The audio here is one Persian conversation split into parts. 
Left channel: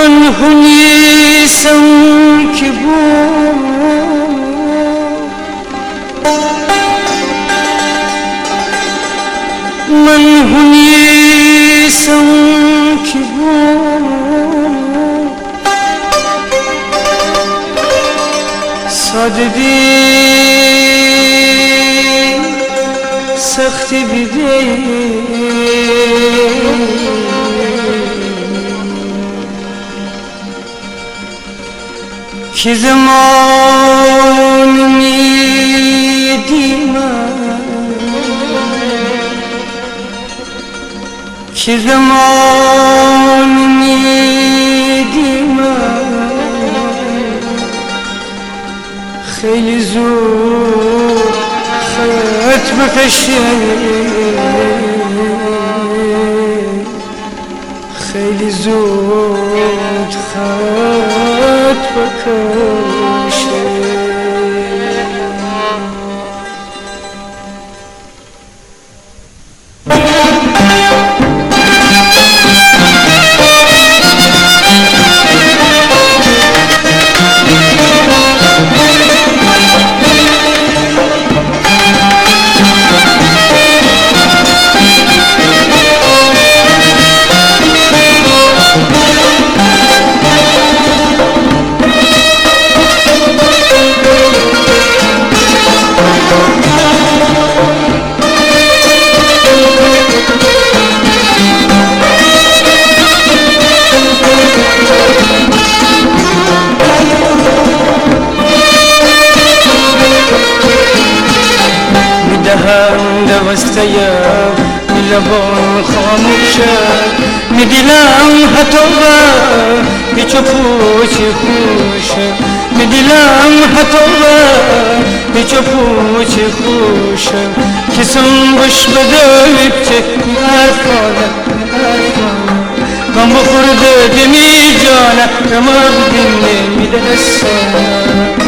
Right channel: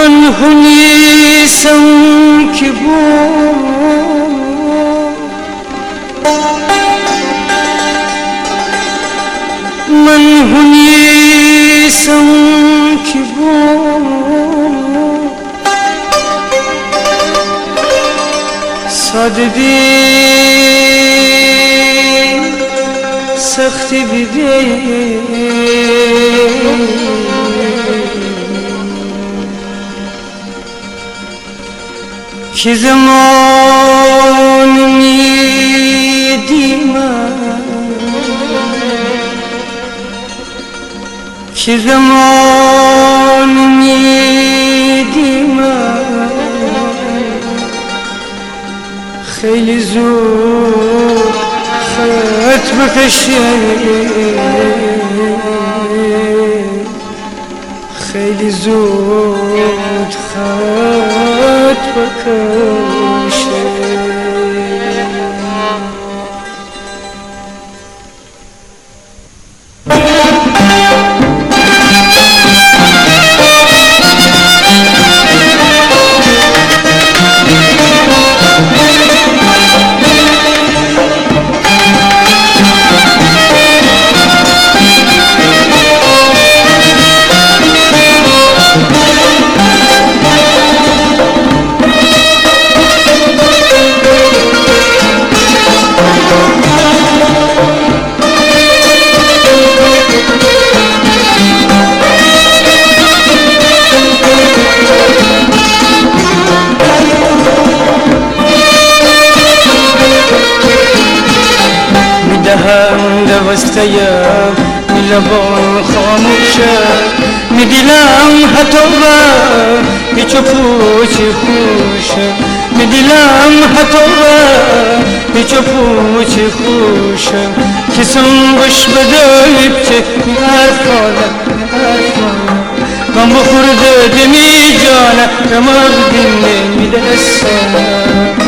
من هنیسم که من هنیسم که سادگی سختی بیده که زمان میدیم که زمان میدیم خیلی زود خط بکشه خیلی زود خط بکشه دوستیم لبان خاموشه میدلم حتی پیچ و پوچ خوشه میدلم حتی پیچ و پوچ خوشه کسم بش بده چه حرفانه غم بخورده دمی جانه رمق دینه میدرسانه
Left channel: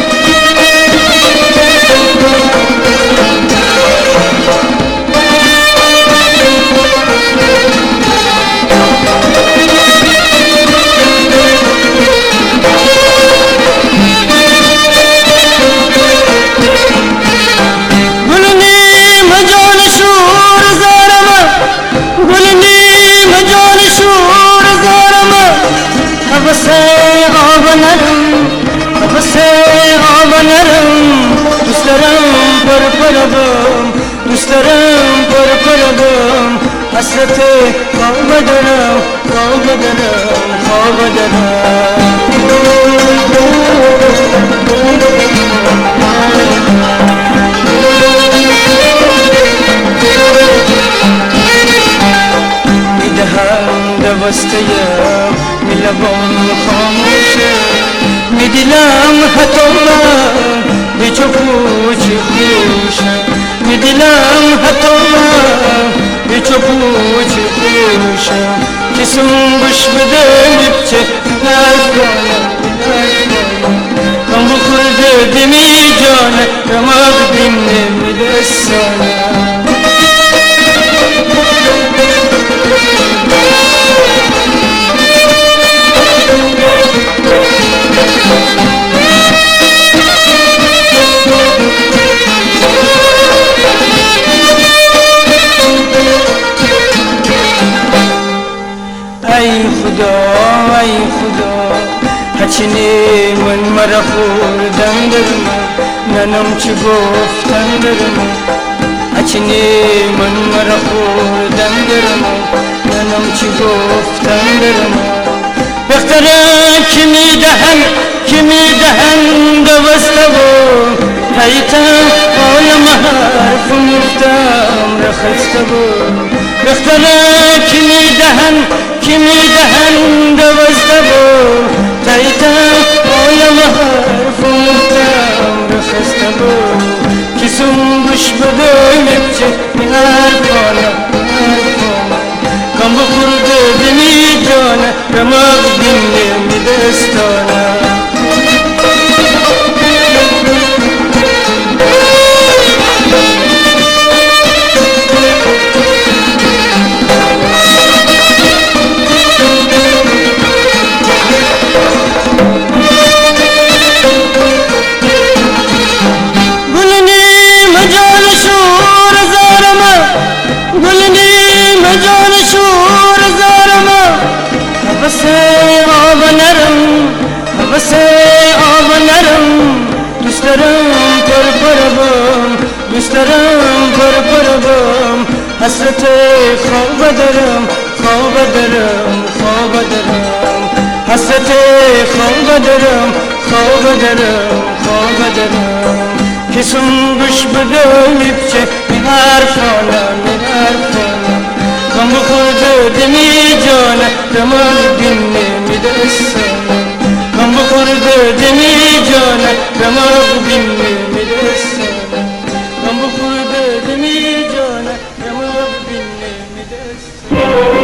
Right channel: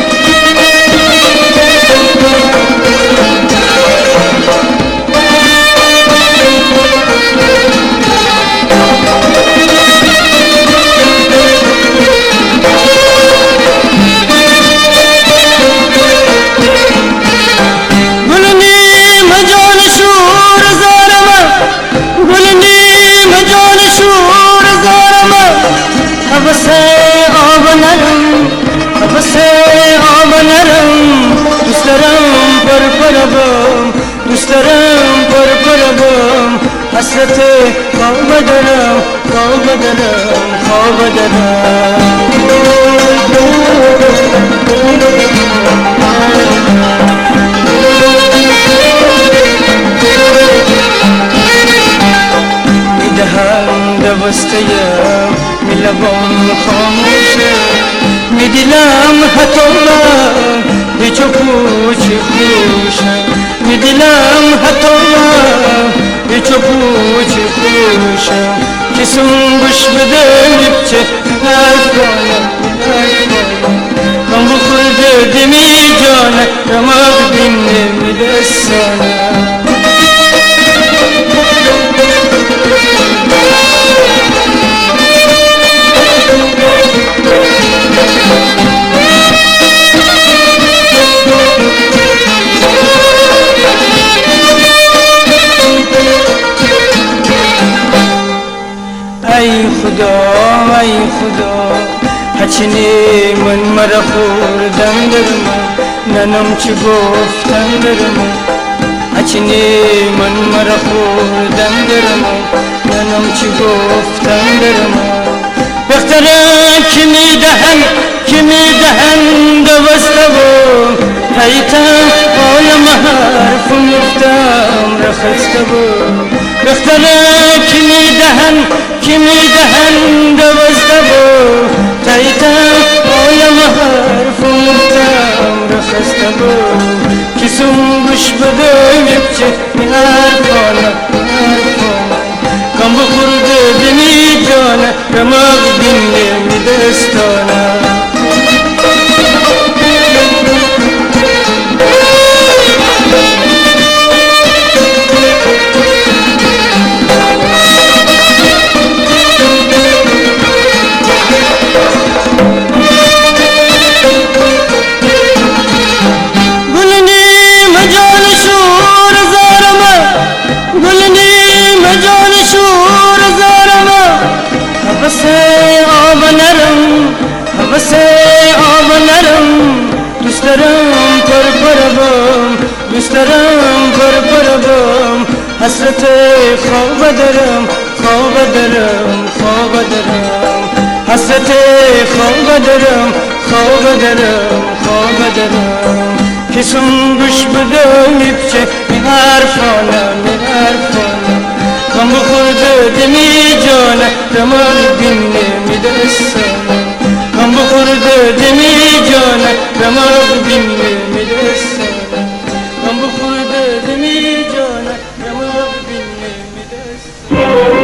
دوست دارم پر حسرت خواب دارم میدهم دوستیم لبان خاموشه میدلم حتی پیچ و پوچ خوشه میدلم حتی پیچ و پوچ خوشه کسم بش بده چه نفرانه غم بخورده دمی جانه رمق دینه میدرسانه ای خدا هچینی من مرا خوردن درما ننم چی گفتن درما هچینی من مرا خوردن درما ننم چی گفتن درما بختره که میدهن دوسته و حیطه آل مهار خسته بود دختره کی میدهن دوازده بود تایتم عالم حرفم خسته بود کسم گوش بده میچه میحرفانه کم بخورده دمی جانه رماغ دینه میدستانه دوسترم پر حسرت خواب دارم حسرت خواب دارم کسم گوش بده میپچه میحرفانه کم بخورده دمی جانه رمال دینه میدستانه کم بخورده دمی جانه رمال دینه میدستانه کم بخورده دمی جانه رمال دینه میدستانه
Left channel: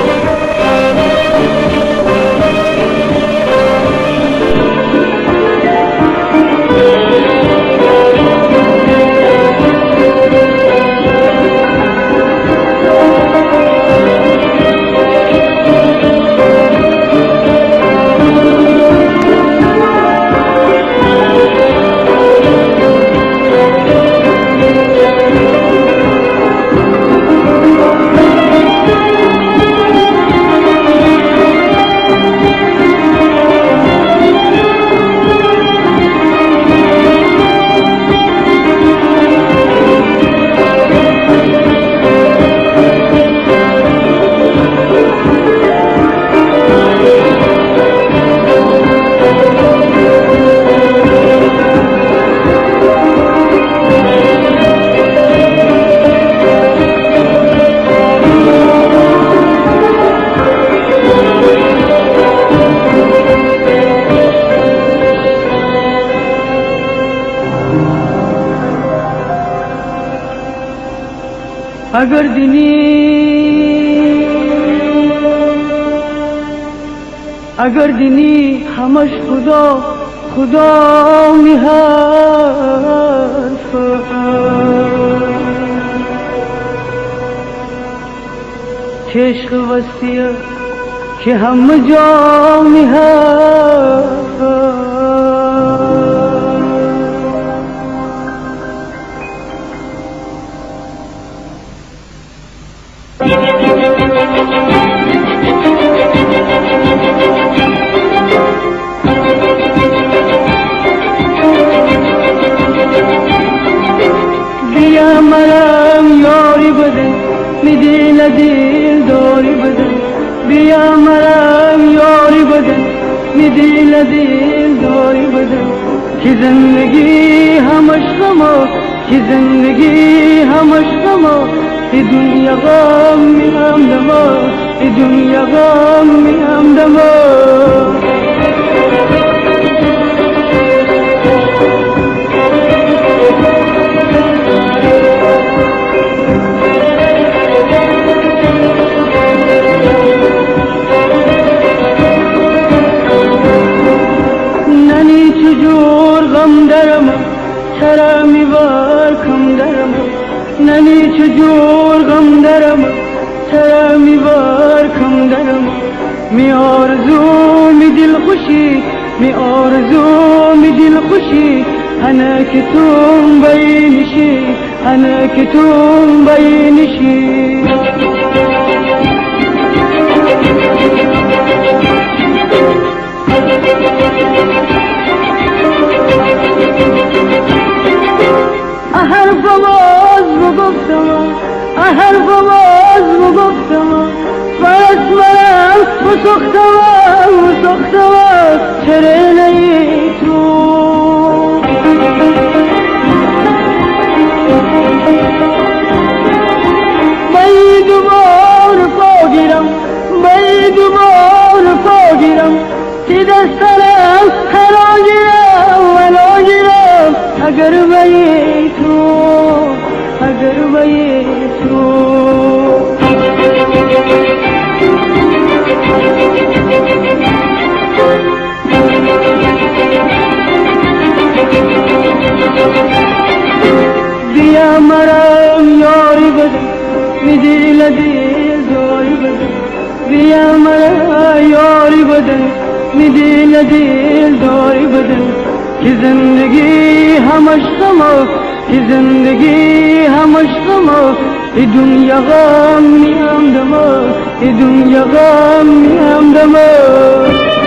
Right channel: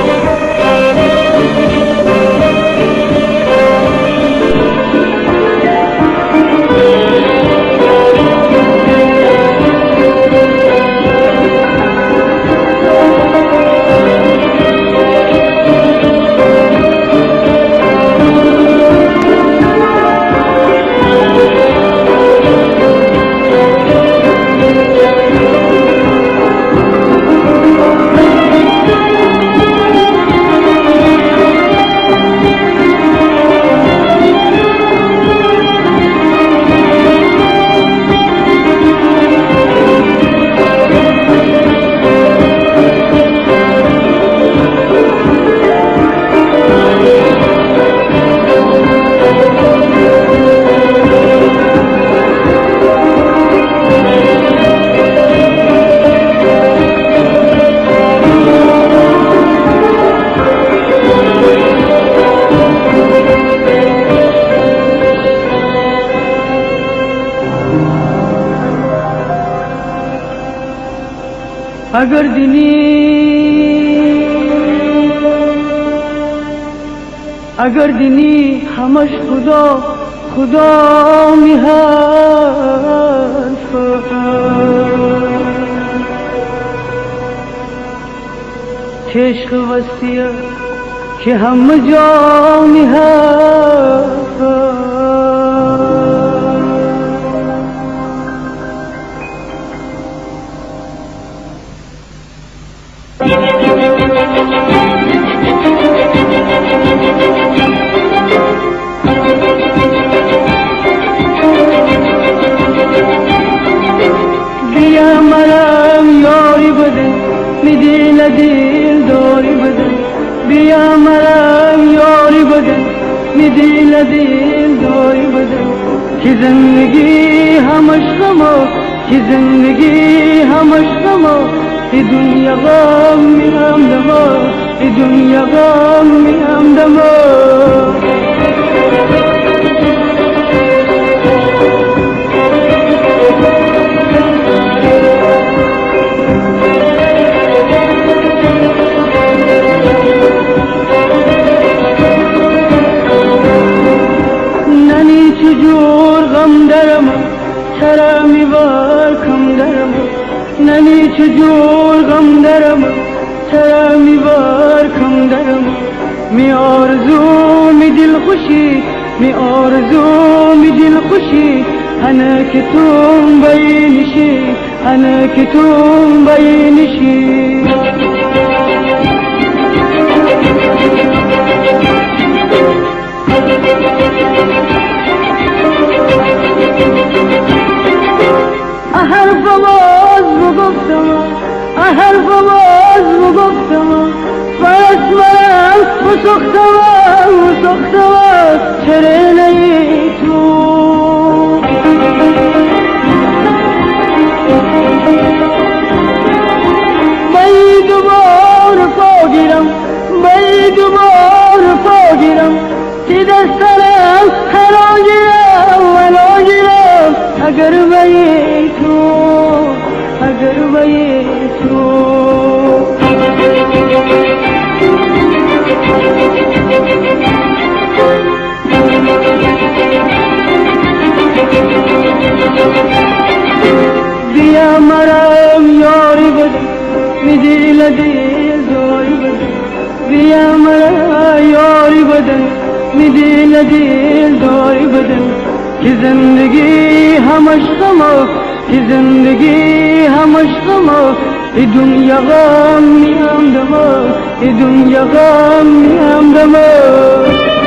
اگر دینی همش خدا می‌حرف عشق وسیع که همه جا می‌حرف بیا مرم یاری بده میدیل دل داری بده بیا مرم یاری بده میدیل دل داری بده که زندگی همش غمه که زندگی همش غمه ای دنیا غم میهم دما ای دنیا غم میهم دما چرا میوار کم درم ننی چجور غم درم چرا میوار کم درم می آرزو می دل خوشی می آرزو می دل خوشی انا که توم بینشی انا که توم بینشی حرف باز بگفتم فرس مرم بسختم چرا نی تو میدی لدیل داری بدن بیا مرا یاری بدن میدی لدیل داری بدن که زندگی همش غمه که زندگی همش غمه ای دنیا غم نیم دمه ای دنیا غم نیم دمه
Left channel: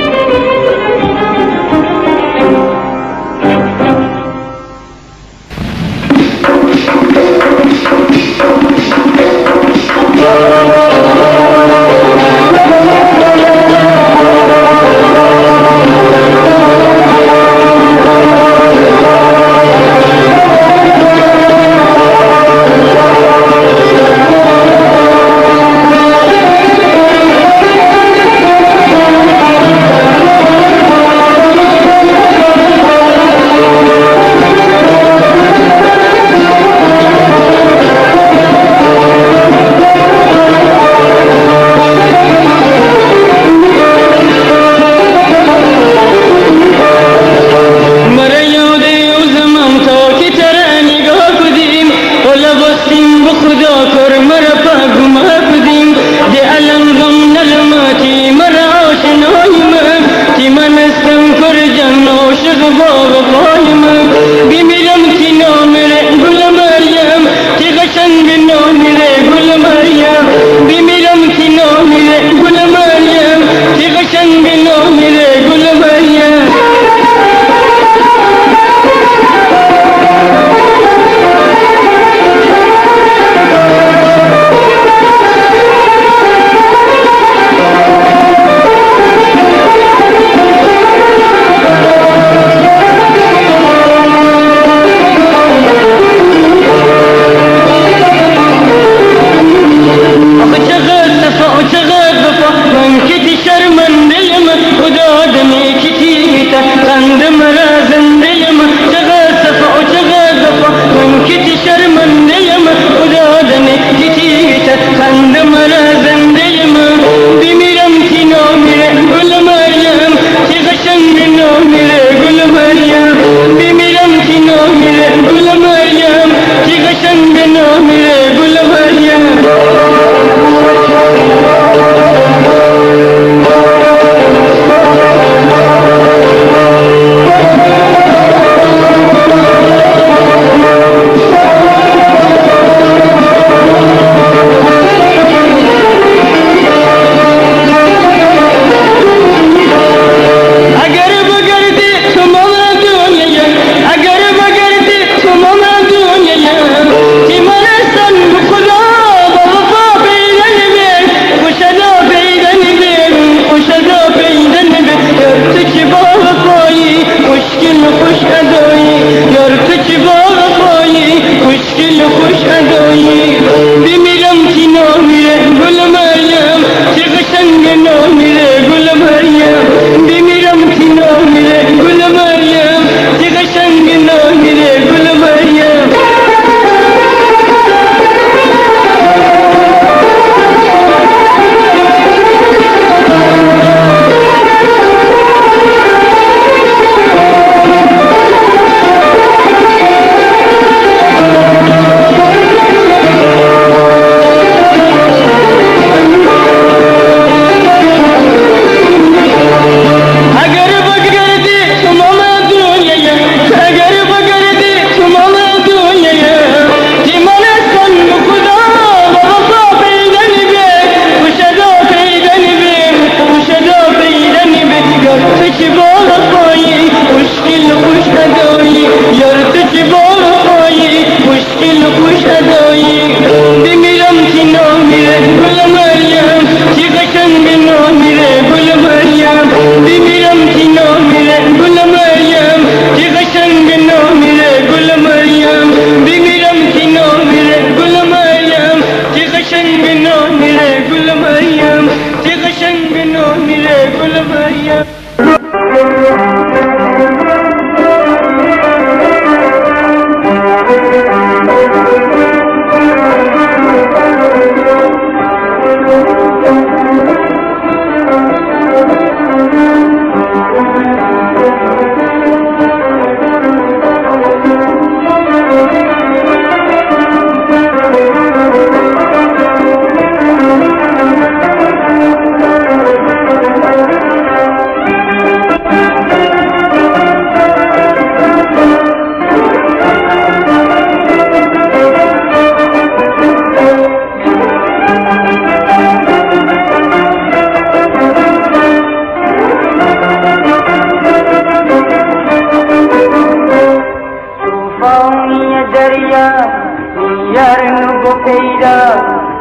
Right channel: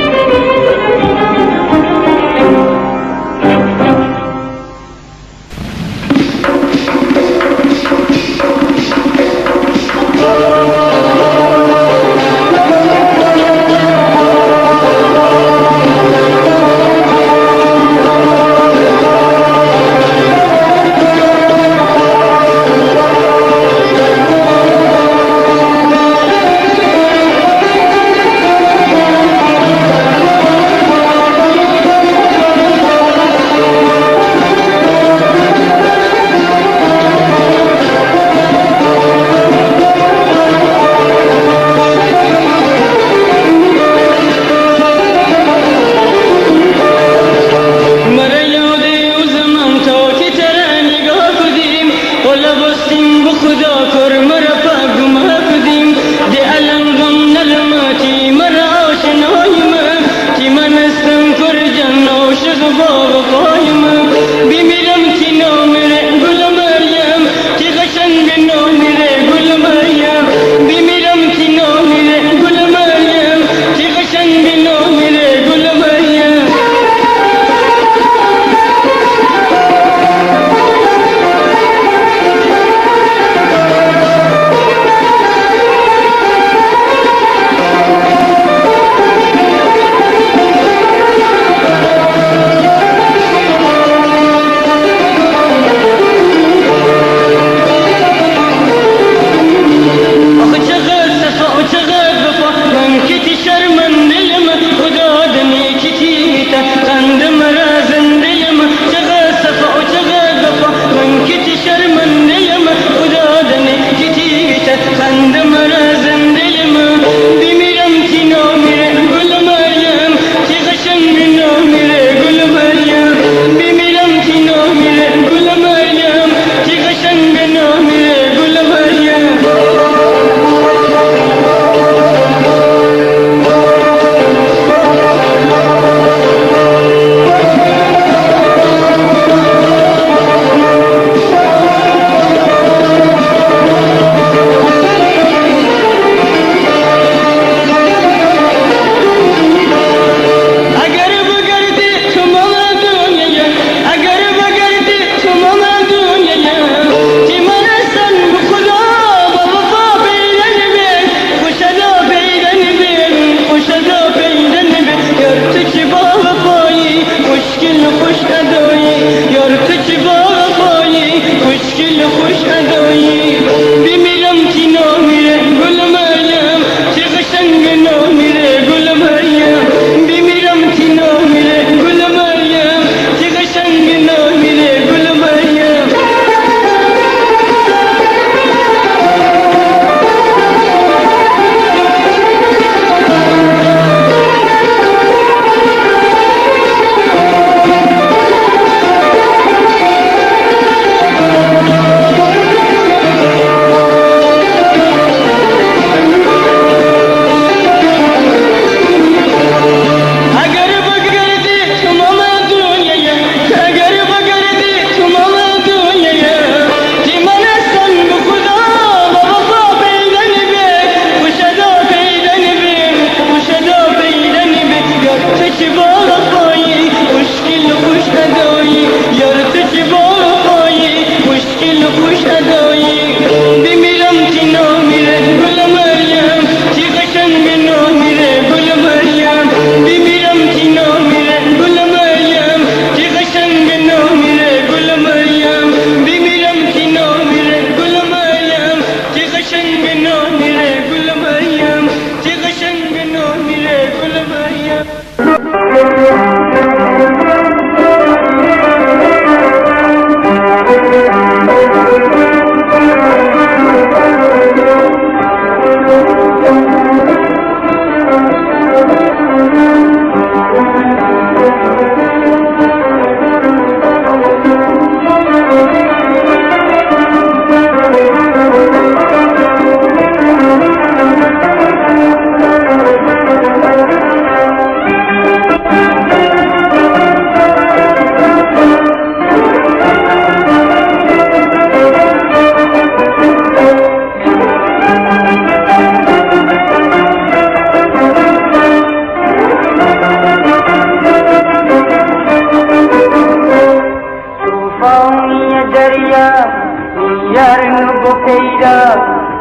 نگو پیدا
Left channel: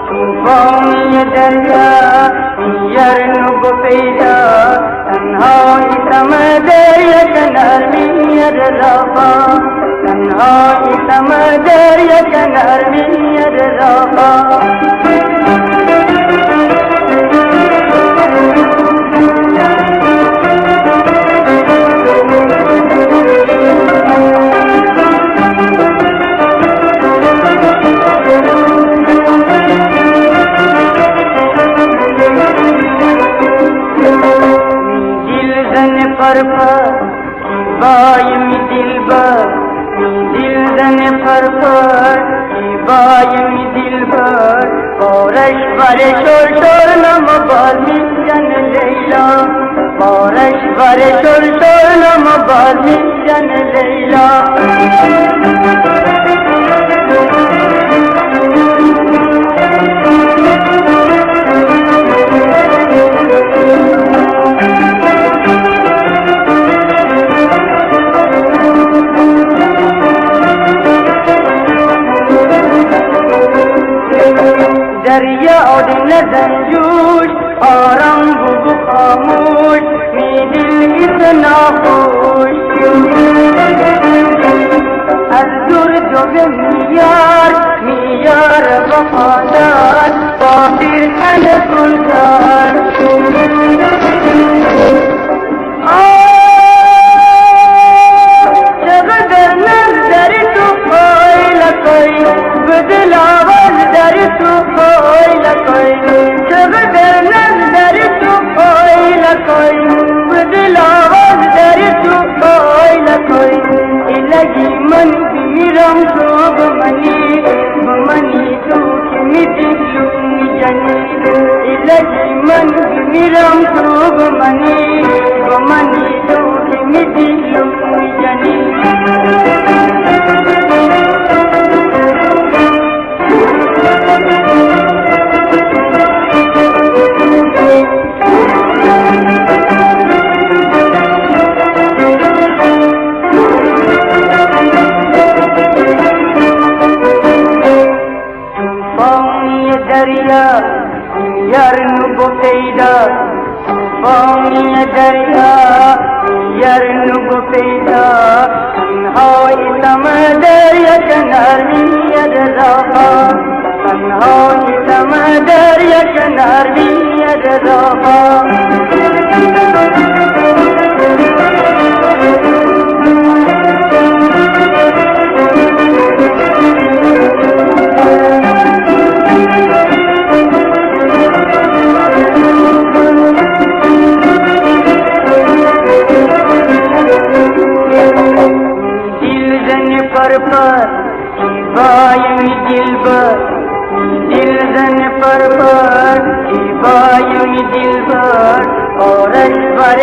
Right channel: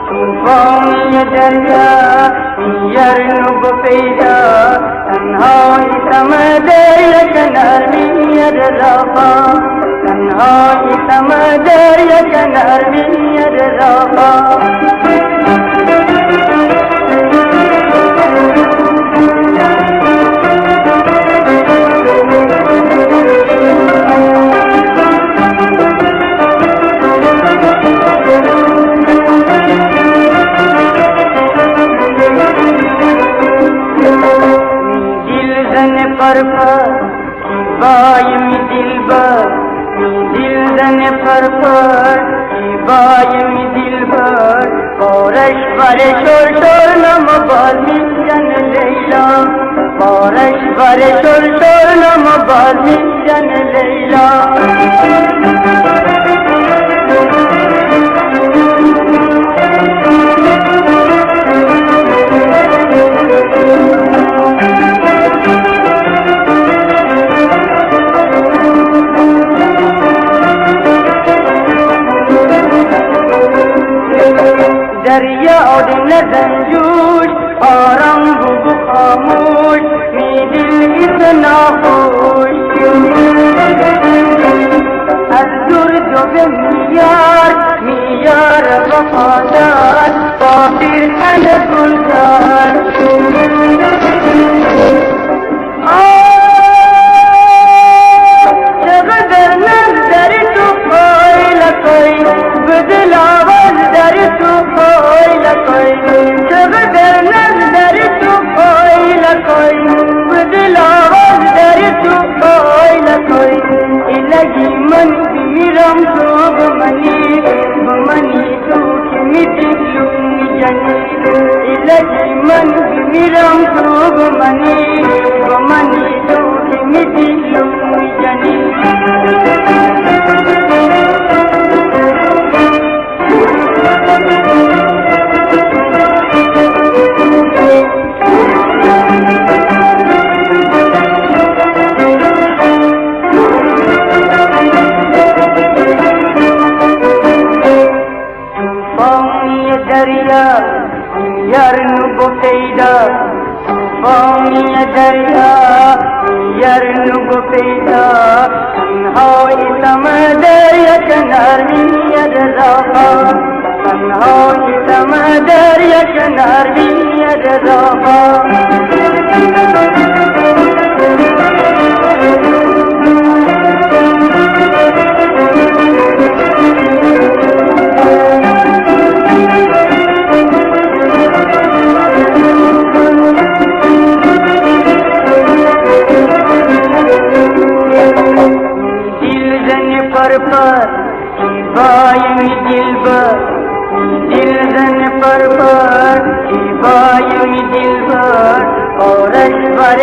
طوفانی دریا نگو پیدا تنهایی سمدر کنار میاد رفا تنهایی سمدر کنار میاد رفا بایم دلبر دل زن پرپر بایم دلبر بارش بر شور نمبال میزن لیلا بارش بر شور نمبال میزن لیلا دریا اور نظر جوش آرام بگو خاموش می دل اتنا خوش از دور جو میار وفادار باطر کن گلزار چقدر نظر تو کوئی لکوئی بدل آواز در تو کوئی لکوئی چقدر نظر تو کوئی لکوئی بدل آواز در تو کوئی لکوئی الهی من میرم تو بمنی تو که می دلو می جنی الهی من میرم تو بمنی تو که می دلو می جنی نگو پیدا طوفانی دریا نگو پیدا تنهایی سمدر کنار میاد رفا تنهایی سمدر کنار میاد رفا بایم دلبر دل زن پرپر بایم دلبر آرش بر